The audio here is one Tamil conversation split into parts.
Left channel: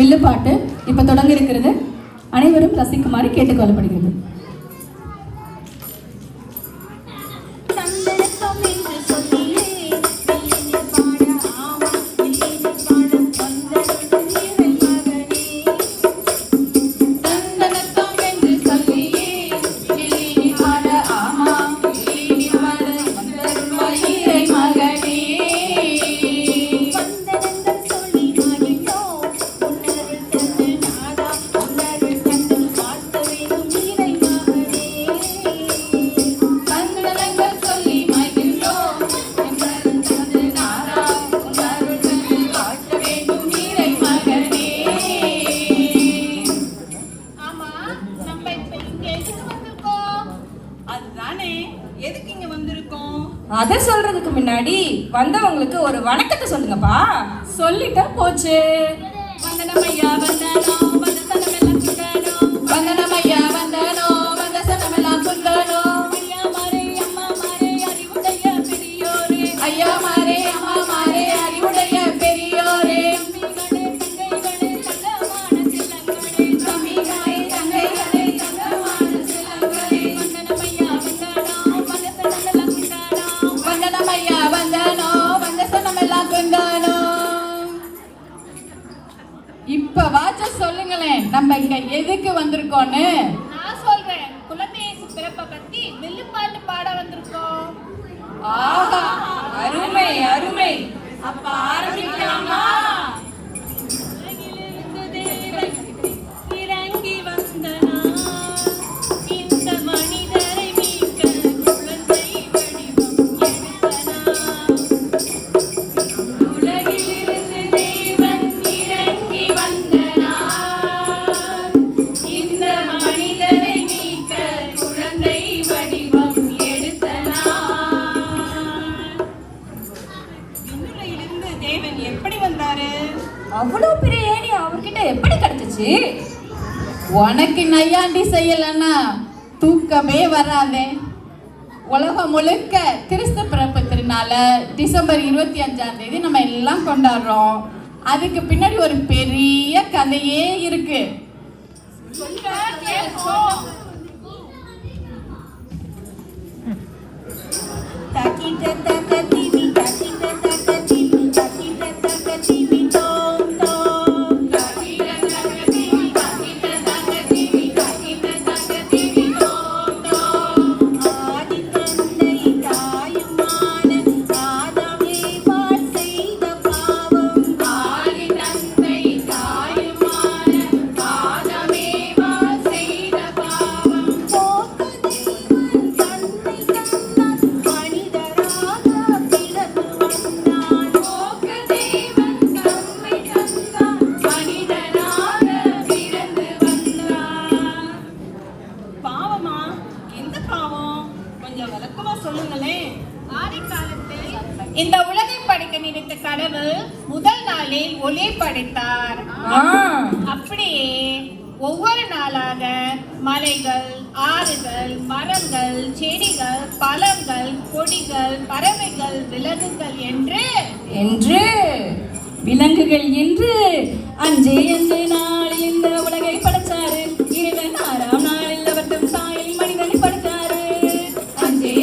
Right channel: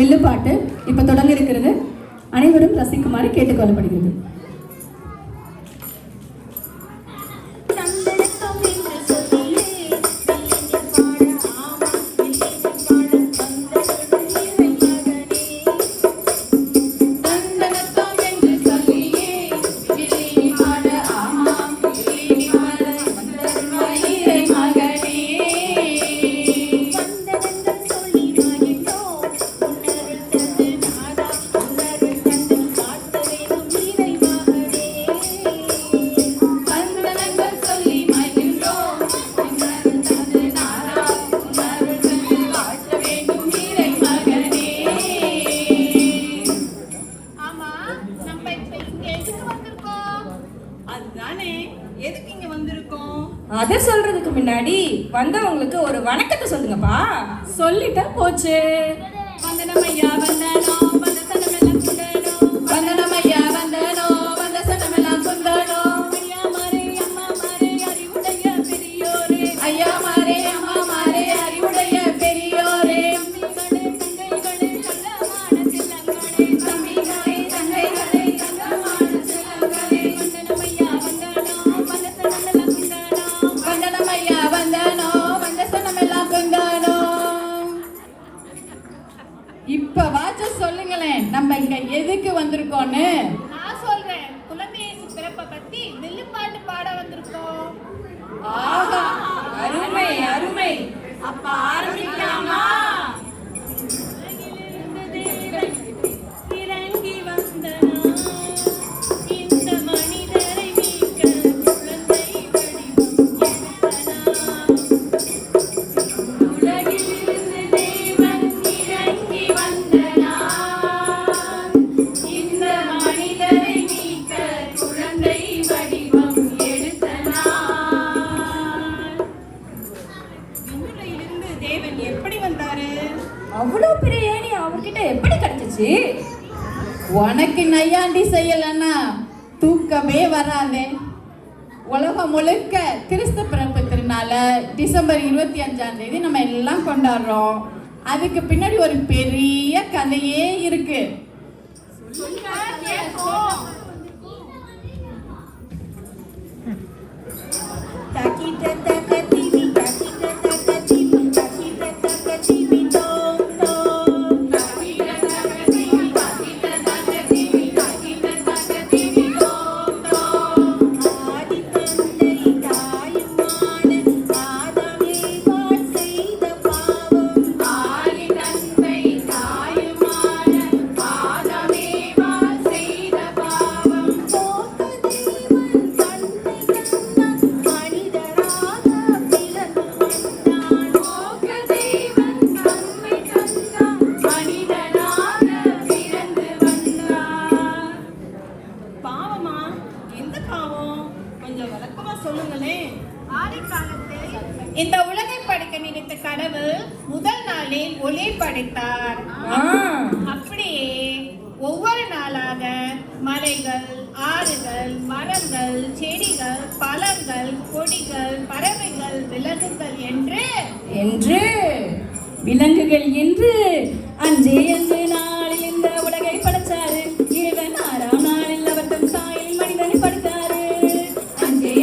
வில்லுப்பாட்டு இப்ப தொடங்க இருக்கிறது. அனைவரும் ரசிக்குமாறு கேட்டுக்கொள்ளப்படுகிறது. அதை சொல்றதுக்கு முன்னாடி வந்தவங்களுக்கு ஒரு வணக்கத்தை சொல்லுங்கப்பா. சொல்லிட்டா போச்சு. வந்தனம் ஐயா வந்தனோ வந்த சனமெல்லாம் குண்டனோ வந்தனம் ஐயா வந்தனோ வந்த சனமெல்லாம் குண்டனோ ஐயா மாரே அம்மா மாரே அறிவுடைய பெரியோரே ஐயா மாரே அம்மா மாரே அறிவுடைய பெரியோரே தம்பிகளே தங்கைகளே தங்கமான செல்லங்களே வந்தனம் ஐயா வந்தனோ வந்த சனமெல்லாம் குண்டனோ வந்தனம் ஐயா வந்தனோ வந்த சனமெல்லாம் குண்டனோ. இப்ப வாச்ச சொல்லுங்களேன், நம்ம இங்க எதுக்கு வந்திருக்கோன்னு. நான் சொல்றேன், குழந்தை பிறப்பை பத்தி வில்லுப்பாட்டு பாட வந்திருக்கோம். ஆஹா, அருமை அருமை. அப்ப ஆரம்பிக்கலாமா? இறங்கி வந்தனா இந்த மனிதரை மீட்க குழந்தை வடிவம் எடுத்தனா உலகிலிருந்து தேவன் இறங்கி வந்தனா இந்த மனிதரை மீட்க குழந்தை வடிவம் எடுத்தனா. விண்ணுலகிலிருந்து தேவன் எப்படி வந்தாரு? அவ்வளவு பெரிய ஏணி அவர்கிட்ட எப்படி கிடைச்சிச்சு? உனக்கு நையாண்டி செய்யலன்னா தூக்கமே வராதே. உலகம் முழுக்க கிறிஸ்து பிறப்பு திருநாள டிசம்பர் 25 நம்ம எல்லாம் கொண்டாடுறோம். அதுக்கு பின்னாடி ஒரு பெரிய கதையே இருக்கு. சொல்லுங்க கேட்போம். இந்த உலகை படைக்க நினைத்த கடவுள் முதல் நாளில் ஒளி படைத்தார். அப்படியே ஒவ்வொரு நாளாக மலைகள், ஆறுகள், மரங்கள், செடிகள், பழங்கள், கொடிகள், பறவைகள், விலங்குகள் என்று விலங்குகள் என்று அஞ்சே நாளில் இந்த உலகை படைச்சாரு. இறைவன் 6ஆம் நாளில் அவர் தம் சாயலில் மனிதனை படைத்தாரு. அஞ்சே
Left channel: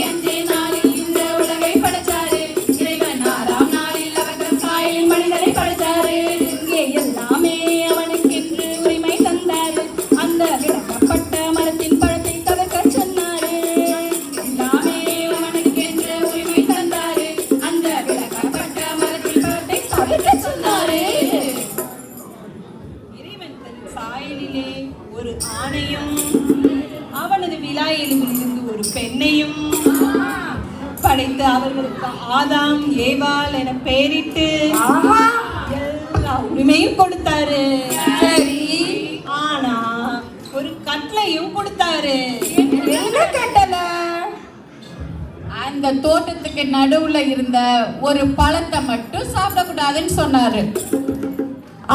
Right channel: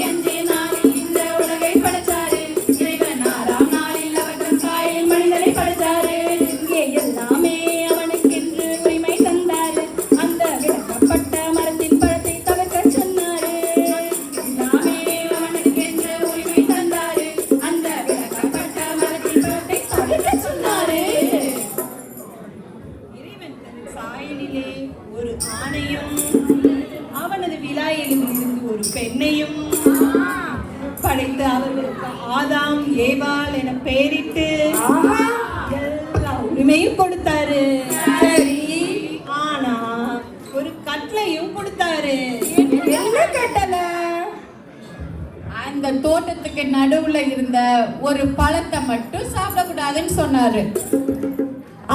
நாளில் இந்த உலகை படைச்சாரு. இறைவன் 6ஆம் நாளில் அவர் தம் சாயலில் மனிதனை படைத்தாரு. இங்கே எல்லாமே அவனுக்கென்று உரிமை தந்தாரு. அந்த விளக்கப்பட்ட மரத்தின் பழத்தை தவிர்க்க சொன்னாரு. எல்லாமே அவனுக்கென்று உரிமை தந்தாரு. அந்த விளக்கப்பட்ட மரத்தின் பழத்தை தவிர்க்க சொன்னாரு. இறைவன் தன் சாயலிலே ஒரு ஆணையும் அவனது விலாயிலும் இருந்து ஒரு பெண்ணையும் படைத்து அவர்களுக்கு ஆதாம் ஏவாள் என பெயரிட்டு எல்லா உரிமையும் கொடுத்தாரு. சரி, ஆனா ஒரு கட்டளையும் கொடுத்தாரு. என்ன கட்டளை? அந்த தோட்டத்துக்கு நடுவுல இருந்த ஒரு பழத்தை மட்டும் சாப்பிடக்கூடாதுன்னு சொன்னாரு.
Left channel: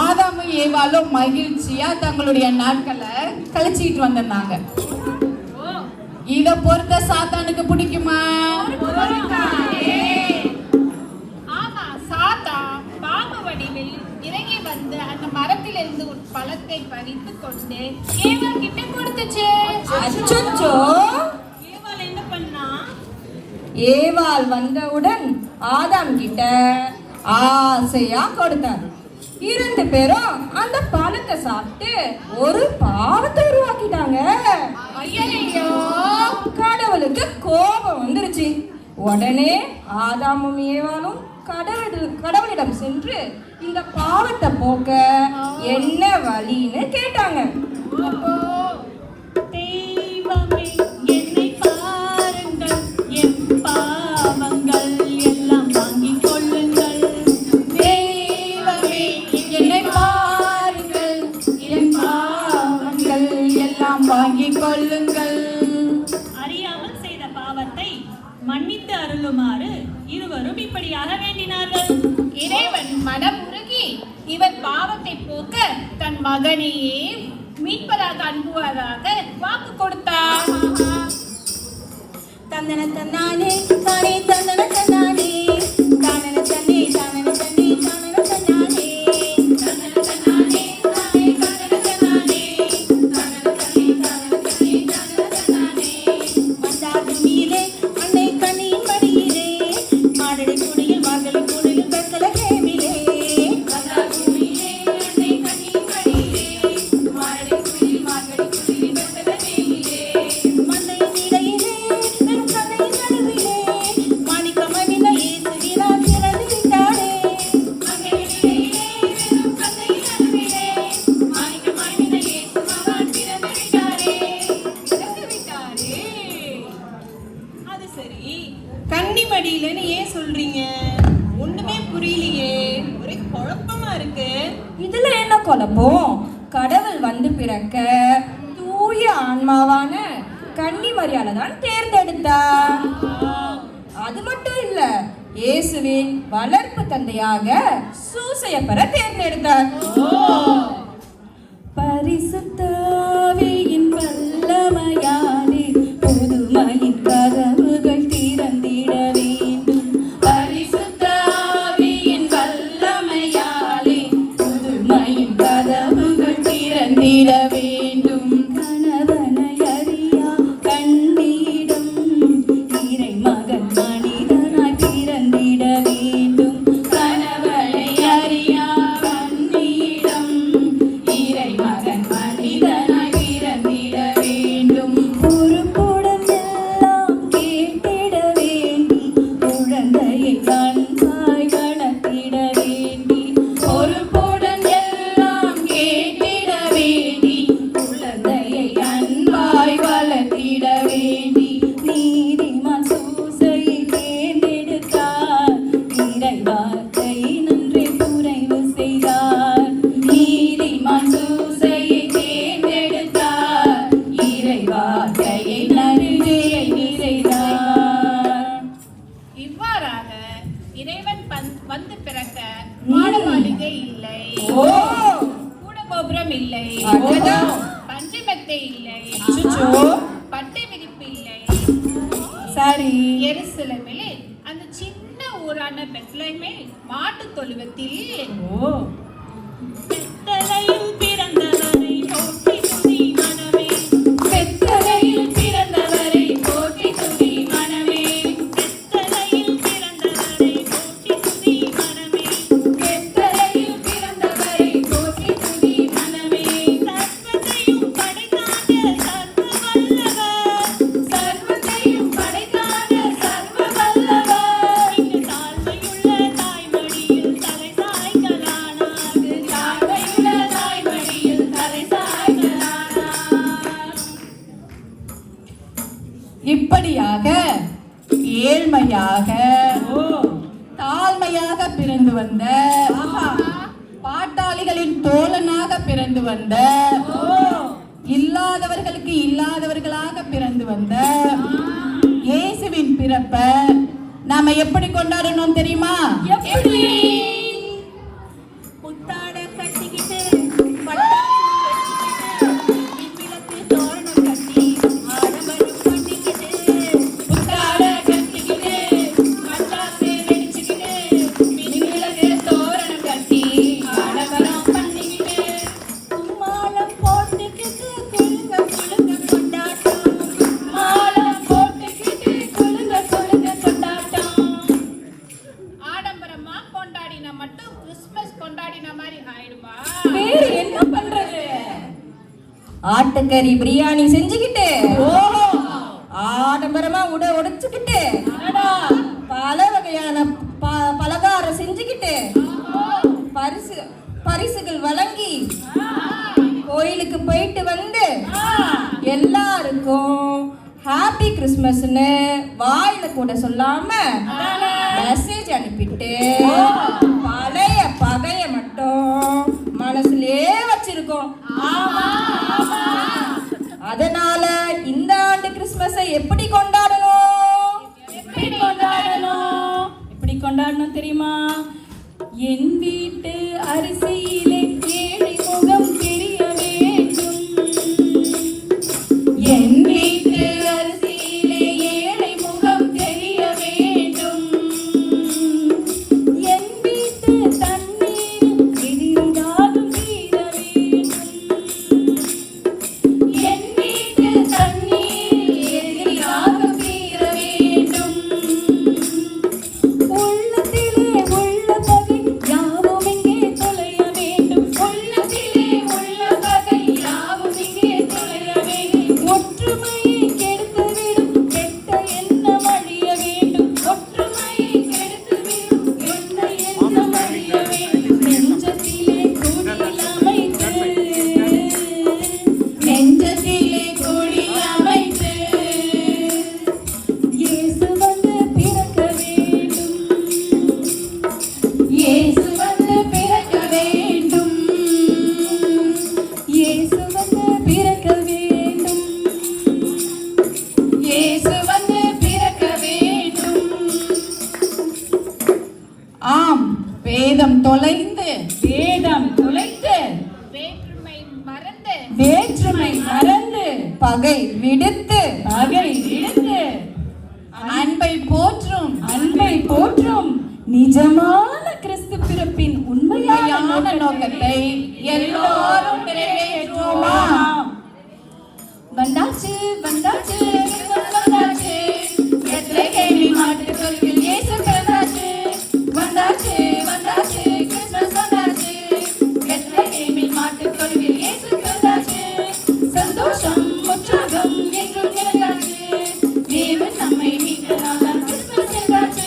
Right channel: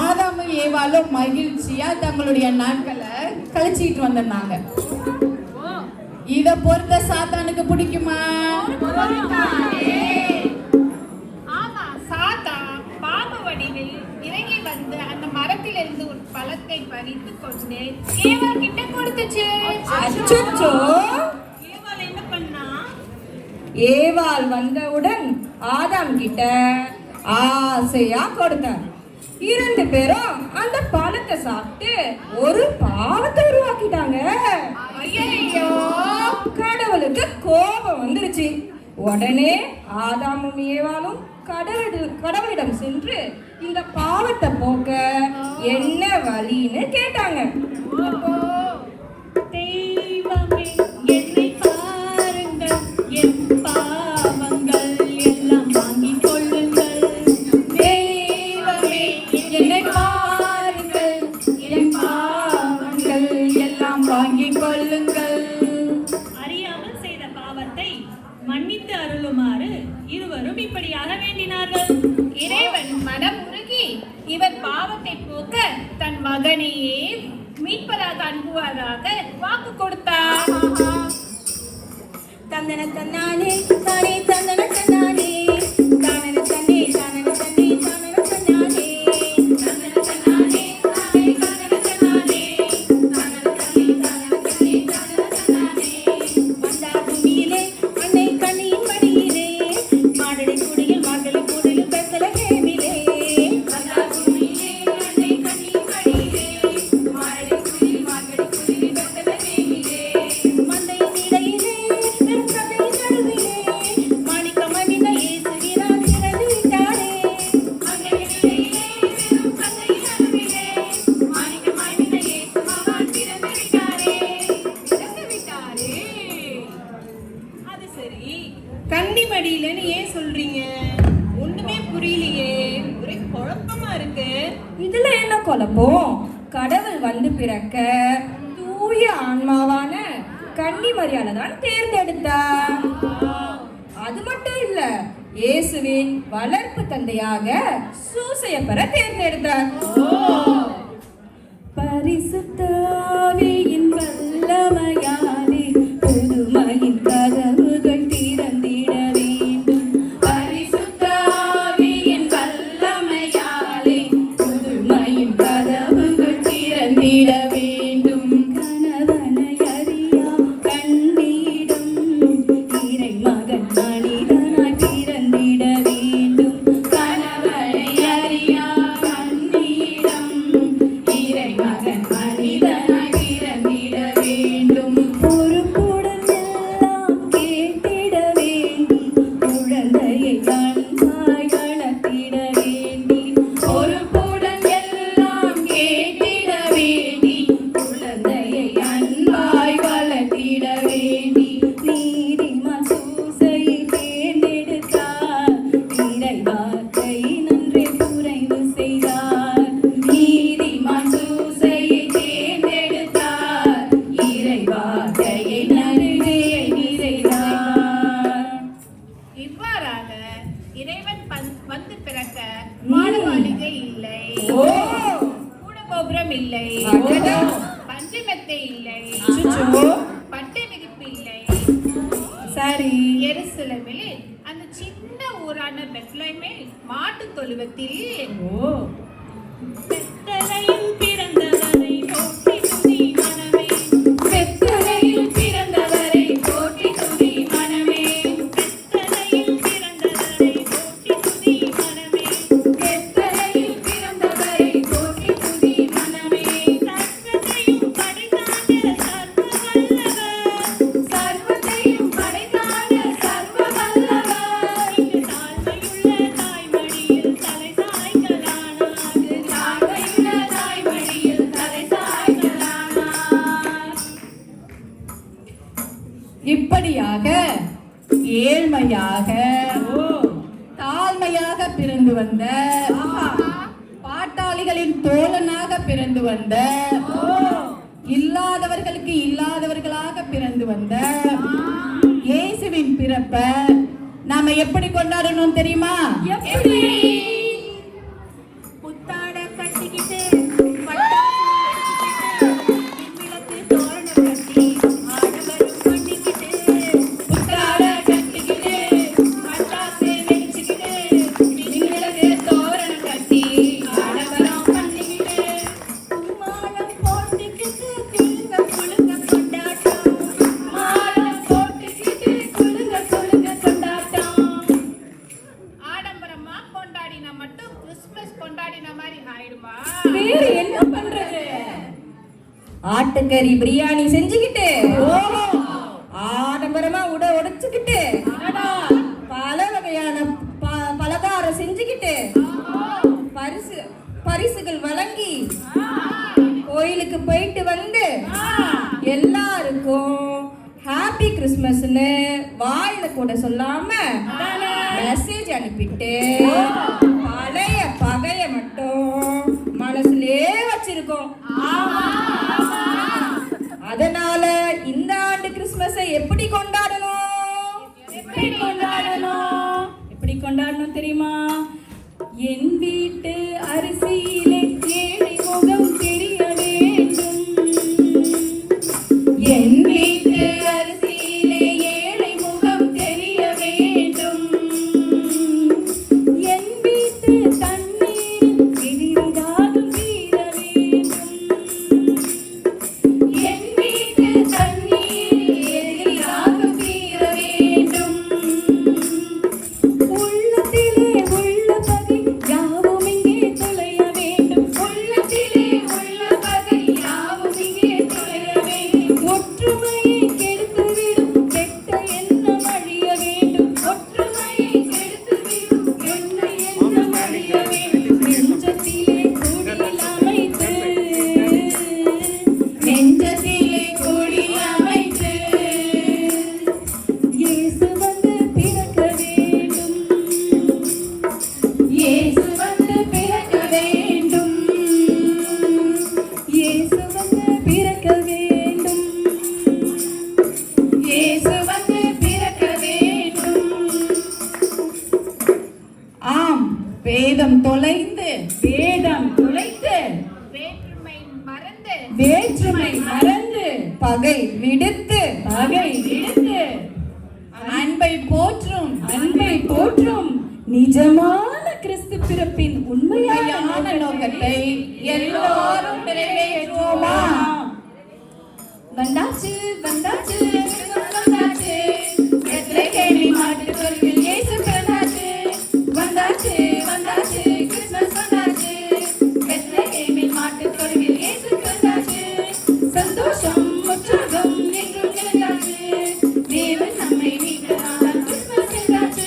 ஆதாமும் ஏவாளும் மகிழ்ச்சியா தங்களுடைய நாட்களை கழிச்சிட்டு வந்திருந்தாங்க. இத பொறுத்த சாத்தானுக்கு பிடிக்குமா? ஆமா, சாத்தா பாம்பு வடிவில் இறங்கி வந்து அந்த மரத்திலிருந்து ஒரு பறித்து கொண்டு ஏவாள் கிட்ட கொடுத்துச்சு. அச்சச்சோ! ஏவாள் என்ன பண்ணா? ஏவாள் வந்தவுடன் ஆதாம் கிட்ட ஆசையா கொடுத்தார். 2 பேரும் அந்த பழத்தை சாப்பிட்டு ஒரு பாவத்தை உருவாக்கிட்டாங்க. ஐயையோ! கடவுளுக்கு கோபம் வந்துருச்சு. உடனே ஆதாமும் ஏவாளும் கடவுளிடம் சென்று இந்த பாவத்தை போக்க என்ன வழின்னு கேட்டாங்க. தெய்வமே என்னை பாருங்கள், என் பாவங்கள் எல்லாம் வாங்கிக் கொள்ளுங்கள். தெய்வமே என்னை பாருங்கள், என் பாவங்கள் எல்லாம் வாங்கிக் கொள்ளுங்கள். அறியாமல் செய்த பாவத்தை மன்னித்து அருளுமாறு இருவரும் இப்படியாக வேண்டினார்கள். இறைவன் மனம் உருகி இவர் பாவத்தை போக்க தன் மகனையே மீட்பதாக அனுப்புவதாக வாக்கு கொடுத்தார். தந்தன தன்னானே தானே தந்தன தன்னானே தானன தன்னே தானன தன்னே தானன தன்னானே தந்தன தன்னானே தானே தானன தன்னானே தானன தன்னே தானன தன்னே தானன தன்னானே வந்தா பூமியிலே அன்னை கண்ணியின் மடியிலே மாடடி குடியில் மார்கழி கூடலில் பெத்தல கேமிலே வந்தா பூமியிலே அன்னை கண்ணியின் மடியிலே மாடடி குடியில் மார்கழி கூடலில் பெத்தல கேமிலே மந்தையின் இடையிலே வெறும் கதையின் நடுவிலே மாணிக்கமணின இயேசுவினால் பிறந்துவிட்டாரே மந்தையின் இடையிலே வெறும் கதையின் நடுவிலே மாணிக்கமணின இயேசுவால் பிறந்துவிட்டாரே. அது சரி, கன்னிமடியிலன்னு ஏன் சொல்றீங்க? ஒண்ணுமே புரியலையே, ஒரே குழப்பமா இருக்கு. இதுல என்ன குழப்பம்? கடவுள் வந்து பிறக்க தூய ஆன்மாவான கன்னிமரியாளை தான் தேர்ந்தெடுத்தார். அது மட்டும் இல்ல, இயேசுவின் வளர்ப்பு தந்தையாக சூசையப்பரை தேர்ந்தெடுத்தார். பரிசுத்த ஆவியின் வல்லமையாலே புதுமையின் கதவுகள் திறந்திட வேண்டும். பரிசுத்த ஆவியின் வல்லமையாலே புதுமையின் கதவுகள் திறந்திட வேண்டும். கணவனை அறியா கண்ணியிடம் இறை மகன் மனிதனாய் பிறந்திட வேண்டும். கணவனை அறியா கண்ணியிடம் இறைமகன் மனிதனாய் பிறந்திட வேண்டும். பொறுப்புடன் எல்லாம் கேட்டிட வேண்டி குழந்தையை அன்பாய் வளர்த்திட வேண்டி பொறுப்புடன் எல்லாம் கேட்டிட வேண்டி குழந்தையை அன்பாய் வளர்த்திட வேண்டி நீதிமான் சூசையை தேர்ந்தெடுத்தார். இறை வார்த்தையை நன்றே குறைவு செய்தார். நீதிமான் சூசையை தேர்ந்தெடுத்தார். இறை வார்த்தையை நன்றியை செய்தார். இவ்வாறாக இறைவன் வந்து பிறக்க மாடமாளிகை இல்லை, ஓ! கூடகோபுரம் இல்லை, அடடா! பஞ்சமெத்தை இல்லை, அச்சச்சோ! பட்டை விரிப்பு இல்லை. சரி. எருசலேமில் அந்த சின்ன ஊரான பெத்லகேமில் மாட்டுத் தொழுவத்தில் ஓ! பெத்தலையில் பிறந்தவரை போற்றி துதி மனமே, பெத்தலையில் பிறந்தவரை போற்றி துதி மனமே, பெத்தலையில் பிறந்தவரை போற்றி துதி மனமே, பெத்தலையில் பிறந்தவரை போற்றி துதி மனமே. சர்வத்தையும் படைத்தான சர்வ வல்லவர், சர்வத்தையும் படைத்தான சர்வ வல்லவர், இங்கு தாழ்மையுள்ள தாய்மடியில் தலை சாய்க்கலானார், தாழ்மையுள்ள தாய்மடியில் தலை சாய்க்கலானார். இப்படியாக ஏழ்மையாக தாழ்மையாக பிறந்து வந்த பாட்டாளிகளின் தோழனாக பிறந்து வந்த இல்லாதவர்களுக்கு இல்லாதவர்களாக பிறந்து வந்த இயேசுவின் பிறப்ப நாம எப்படி கொண்டாடணும் தெரியுமா? எப்படி? புத்தாட கட்டிக்கிட்டு பட்டாசு வச்சுக்கிட்டு விண்ணிலத்தில் தோரணம் கட்டி ஆடம்பரம் பண்ணிக்கிட்டு புத்தாட கட்டிக்கிட்டு பட்டாசு வெடிச்சுக்கிட்டு விண்ணிலத்தில் தோரணம் கட்டி ஆடம்பரம் பண்ணிக்கிட்டு கும்மாளம் ஆட்டுக்கறி பிரியாணி செஞ்சுக்கிட்டு ஆடம்பரமா உடைச்சுக்கிட்டு பல வகையான பலகாரம் செஞ்சுக்கிட்டு பரிசுகள் வழங்கி கோயிலுக்கு போயிட்டு வந்து எல்லாருக்கும் ஹாப்பி கிறிஸ்மஸ்னு வாயில கூட சொல்லாம மெசேஜ் அனுப்பிட்டு பழைய பகைய மட்டும் மனசுலயே வச்சிருக்கோம். அதனால இந்த ஆண்டு கிறிஸ்மஸை எப்படி கொண்டாடணும் தெரியுமா? என் வீட்டு அரிசியிலே ஏழை முகம் தெரிய வேண்டும். என் வீட்டு அரிசியிலே ஏழை முகம் தெரிய வேண்டும். என் வீட்டு தண்ணீரில் எதிரிடாதும் தீர வேண்டும். என் வீட்டு தண்ணீரில் எதிராக தீர வேண்டும். உள்ளத்திலே உள்ள பகை யாவும் இங்கே தொலைய வேண்டும். உள்ளத்திலே உள்ள பகை யாவும் இங்கே தொலைய வேண்டும். ஒற்றுமையை கெடுத்துவிடும் கெட்ட எண்ணம் அழிய வேண்டும். ஒற்றுமையை கெடுத்துவிடும் கெட்ட எண்ணம் அழிய வேண்டும். நெஞ்சத்திலே கொடி அமைத்து நெஞ்சத்திலே கொடி அமைத்து இயேசு வந்து பிறக்க வேண்டும். இயேசு வந்து பிறக்க வேண்டும். இயேசு வந்து பிறக்க வேண்டும். இயேசு வந்து பிறக்க வேண்டும். ஆம், வேதம் தொலைந்து வேதம் துளைத்து வேற்றுமை மறந்து வேற்றுமை மறந்து பகை விடுத்து பகை விடுத்து அன்பை போற்றும் அன்பை போற்றும் நிஜமான கிறிஸ்து பிறப்பின் உண்மையான உண்மையான நோக்கத்தை எல்லோரும் நிறைவேற்றுவோமா? வந்தாச்சு வந்தாச்சு கிறிஸ்துமஸ் வந்தாச்சு. பெத்லகேமில் மாட்டுத் தொழுவில் இயேசு பிறந்தாச்சு. வந்தாச்சு வந்தாச்சு கிறிஸ்துமஸ் வந்தாச்சு. பெத்லகேமில் மாட்டுத் தொழுவில் இயேசு பிறந்தாச்சு. சந்தோஷம் உற்சாகம் எங்கும் நிறைந்தாச்சு. தேவன் நம்மை மீட்டதால் கிறிஸ்துமஸ் என்றாச்சு.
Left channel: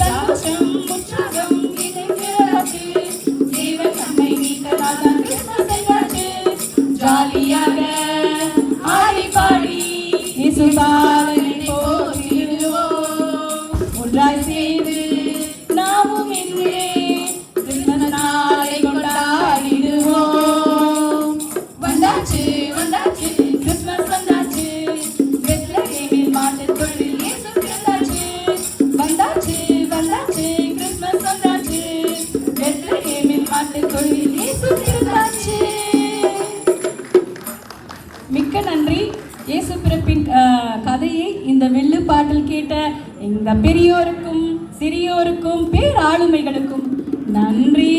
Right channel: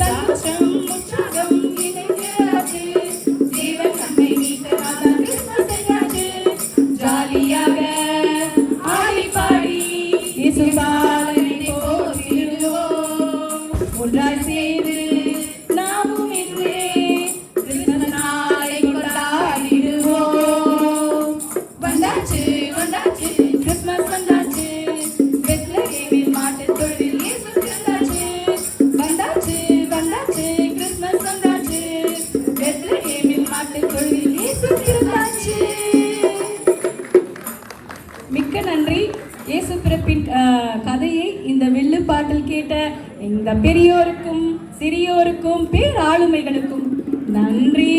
சந்தோஷம் உற்சாகம் எங்கும் நிறைந்தாச்சு. தேவன் நம்மை மீட்டதால் கிறிஸ்துமஸ் என்றாச்சு. ஜாலியாக ஆடி பாடி இயேசுபாலனை போற்றிடுவோம். ஒன்றாய் சேர்ந்து நாமும் இன்று கிறிஸ்மஸ் நாளை கொண்டாடிடுவோம். வந்தாச்சு வந்தாச்சு கிறிஸ்மஸ் வந்தாச்சு. பெத்லகேமில் மாட்டுத் தொழுவில் இயேசு பிறந்தாச்சு. வந்தாச்சு வந்தாச்சு கிறிஸ்மஸ் வந்தாச்சு. பெத்லகேமில் மாட்டுத் தொழுவில் இயேசு பிறந்தாச்சு. மிக்க நன்றி. இயேசு பிறப்பின் கதையை இந்த வில்லு பாட்டில் கேட்ட இந்த பெரியோருக்கும் சிறியோருக்கும் பேராளுமைகளுக்கும் நன்றி.